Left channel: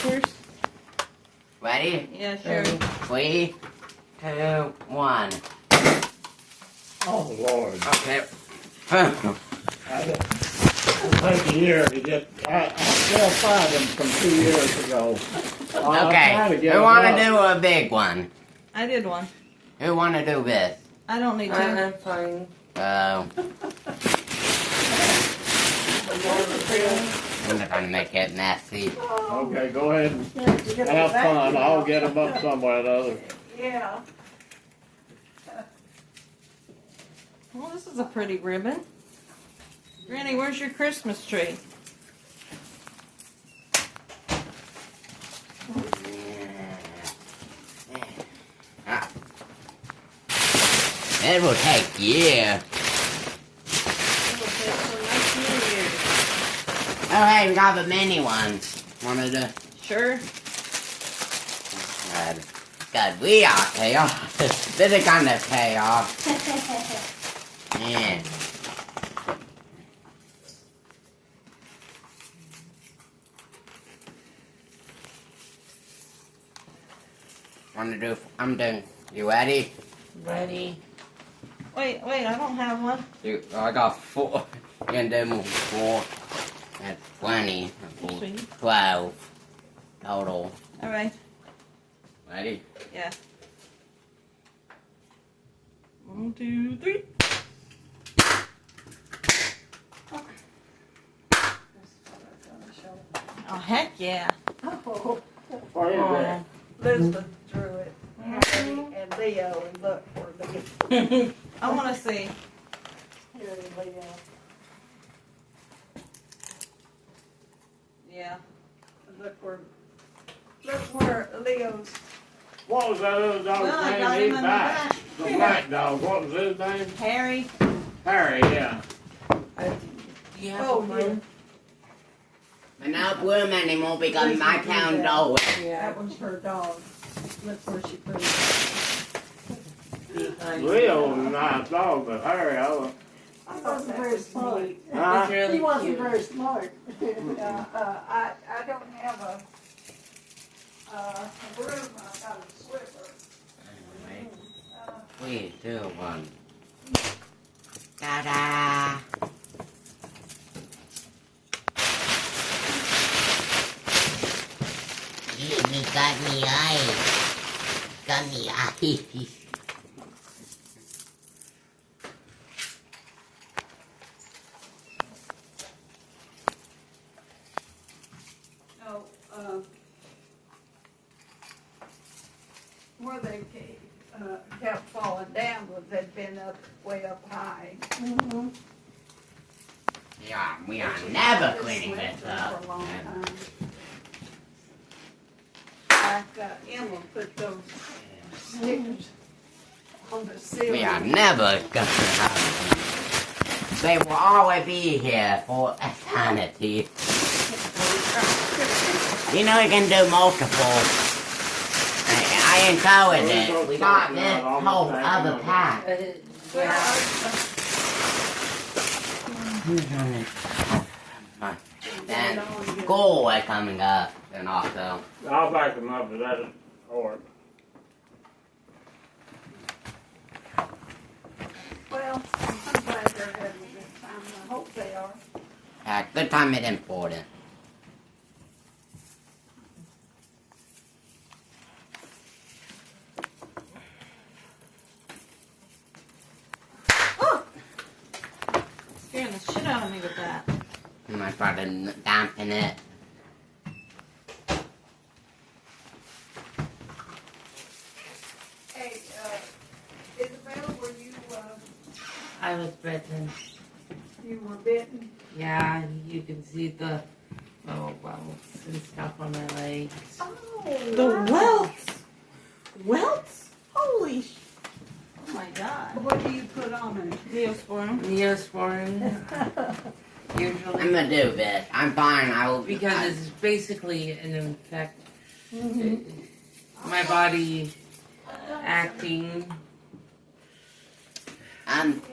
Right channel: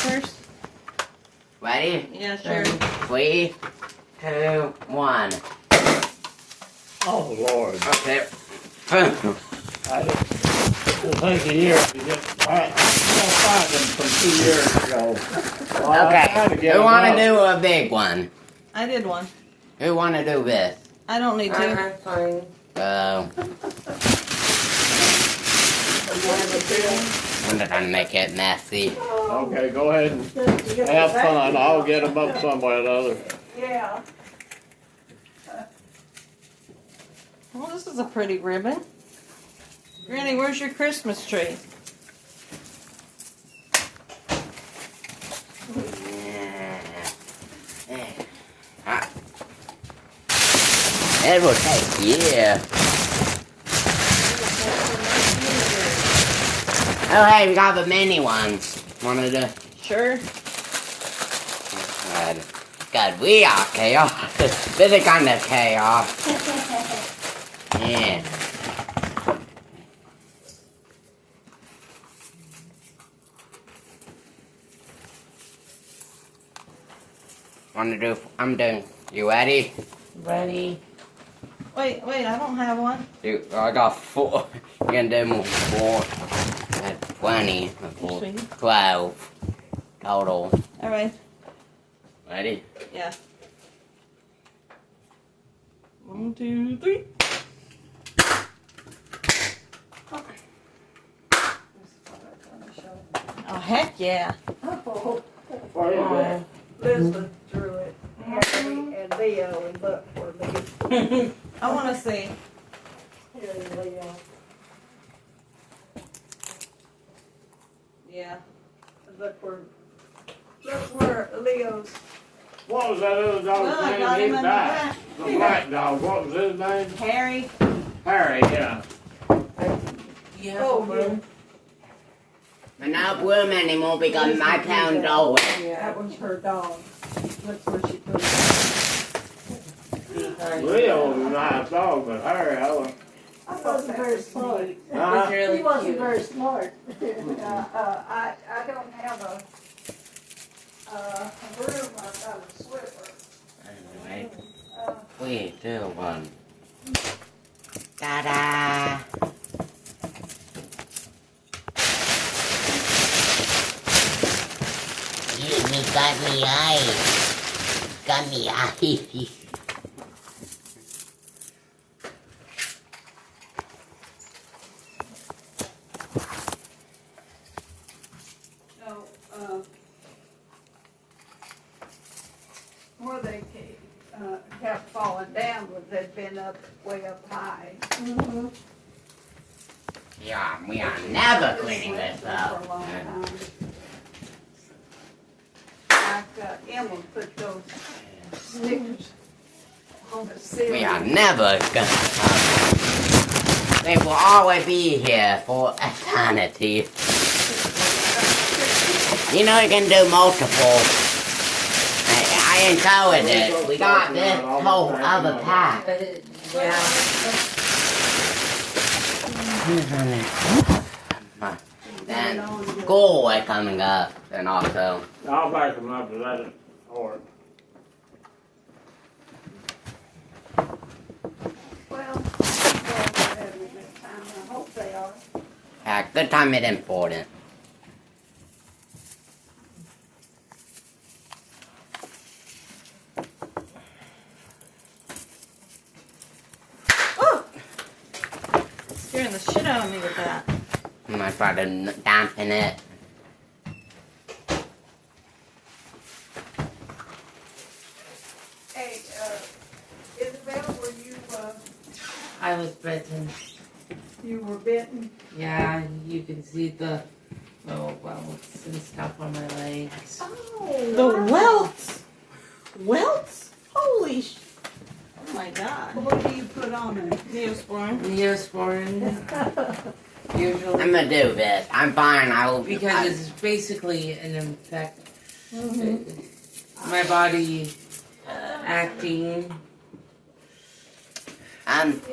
first? Ready? Yeah, sure. 3, 2, 1. Oh, Lord. Okay. It'll take a year to get. I still find them from 2 years ago. Okay. Who want to do a big one? I did one. Who want to do this? I don't need to. I'm fine. I'm not gonna make it messy. Okay, go ahead and have fun. I'll get them up somewhere or other. Yeah. Well, this is a pretty ribbon. Granny, where's your Christmas tree? It will take years. Oh, hey, we got the mini ones. Wanted to. Sure. God, we are chaos. This is kind of chaos. Yeah. Want to do? I'm doing. You ready? Ready? Wait, I don't have one. I got 4. You're gonna do more 4. 20. 12. Total. Alright. Ready? Yeah. 1, 2, 3. Oh, heck yeah. Oh, What is that? Elizabeth drew it. Harry and Leo and look for me. I want to see. Here's Leo. Yeah. Look where Leo's. What was that other dog's Well, I got name? him He in the died. back. The black dog. What was his name? Harry. Harry, yeah. You have a room? We're not room anymore because my town dog. That was her dog. Look where she put it. Behind Leo was a nice dog, but Harry, I thought that was smart. Huh? He wasn't very smart. I don't have a broom. I've got a swiffer. Anyway, 3, 2, 1. Ta-da! You got me eyes. Got me eyes. No, where they kept falling down was they'd been up way up high. Yeah, we are never cleaning this up. For a long time. Like Emma put those stickers on the ceiling. We are never gonna have them. They will always be here for eternity. You know you can do multiple. I enjoyed it. We got this whole other pack. And school is coming up, and also. I'll back him up, but that didn't work. Well, I think they're having a good time. I hope they are. Good time is important. Oh! Scaring the shit out of me with that. I might try to dampen it. Hey, Isabel, were you, I was bitten. you were bitten? Yeah, you can see the welts and stuff on my legs. Oh, The welts! Welts? Holy sh... Oh my god. What do you put on her? Neosporin. Neosporin, usually. I'm gonna do this. I'm fine. I will. Because it's basically an infection. My body acting.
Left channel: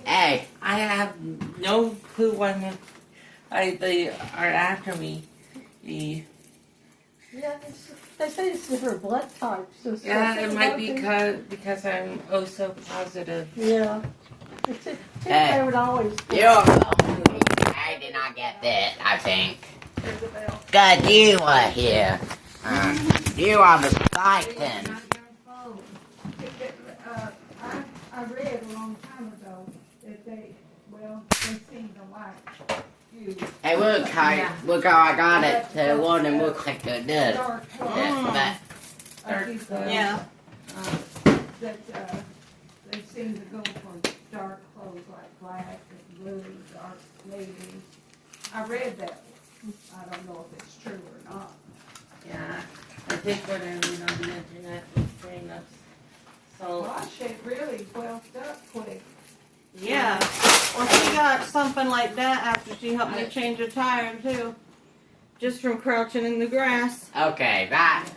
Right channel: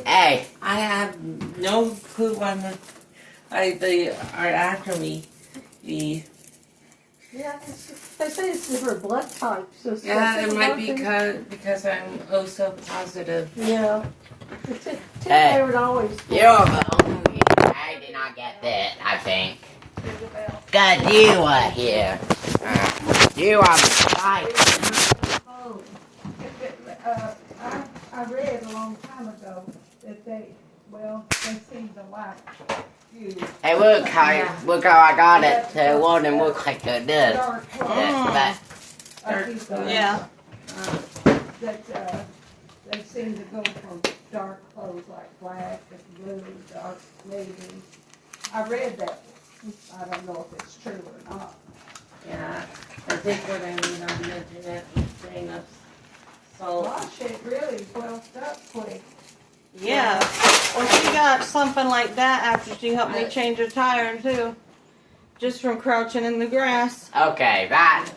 Hey. I have no clue on they are after me. The Yeah, they say it's different blood types. So it's Yeah, got it might be something- because I'm oh so positive. Yeah. Hey. They would always. You're the I did not get bit, I think. God, you are here. You are the spike. I read a long time ago that they seem to like you. Hey, look how I got it to one and look like it did. Dark Yeah, Yeah. That they seem to go for dark clothes like black and blue, dark navy. I read that. I don't know if it's true or not. Yeah, I think what I read on the internet was saying of salt. Gosh, it really built up quick. Yeah. Well, she got something like that after she helped me change a tire too. Just from crouching in the grass. Okay, that's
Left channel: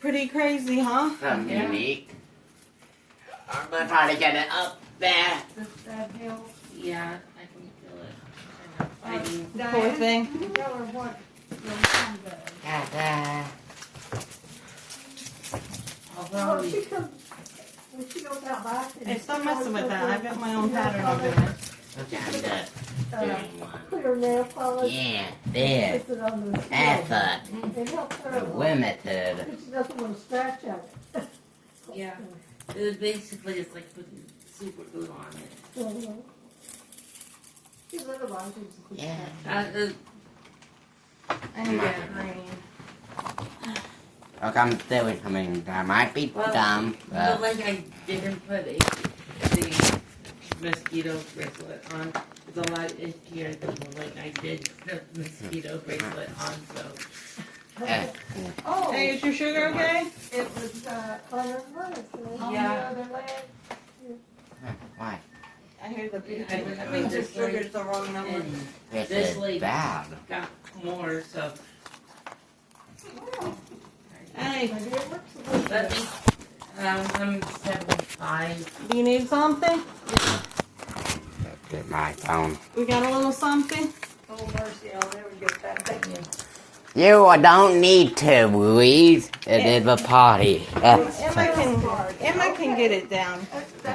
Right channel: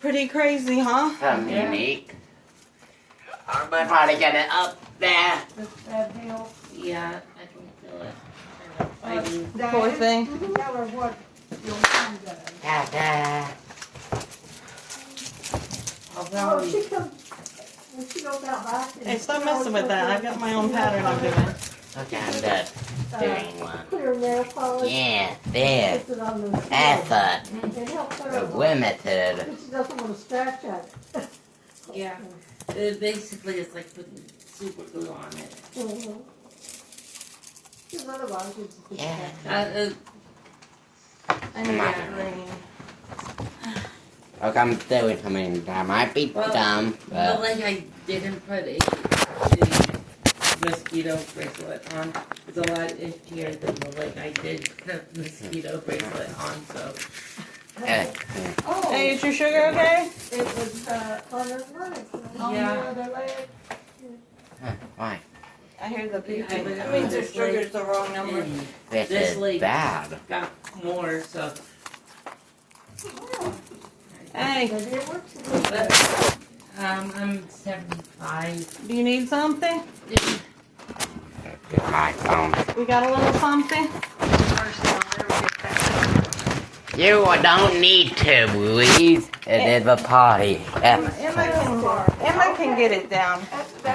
Pretty crazy, huh? unique. I'm gonna try to get it up there. Does that help? Yeah, I can feel it. Kind of fighting. Poor Diane, thing. Tell her what your mom does. Ta-da. Oh, she comes, when she goes out back. and- Hey, stop messing with that. I've got my own pattern I'm doing. Okay, I'm done doing one. Clear nail polish. Yeah, there. Puts it on the. Effort. It helps her a lot. Limited. But she doesn't want to scratch at it. Yeah. It basically is like putting super glue on it. Because otherwise it's. Yeah. I need Yeah. that green. Look, I'm doing something that might be Well, dumb, But but like I didn't put the mosquito bracelet on. It's a lot itchier than the like I did put the mosquito bracelet on. So Oh, Hey, is your sugar okay? it was, on her leg, on the Yeah. other leg. why? I hear the beeping. I That means your sugar's the wrong number. and This This is lady. bad. got more. So Hey, But it works a little bit. I'm 75. do you need something? This is my phone. You got a little something? You don't need to, Louise. It is a party. Emma can get it down. That's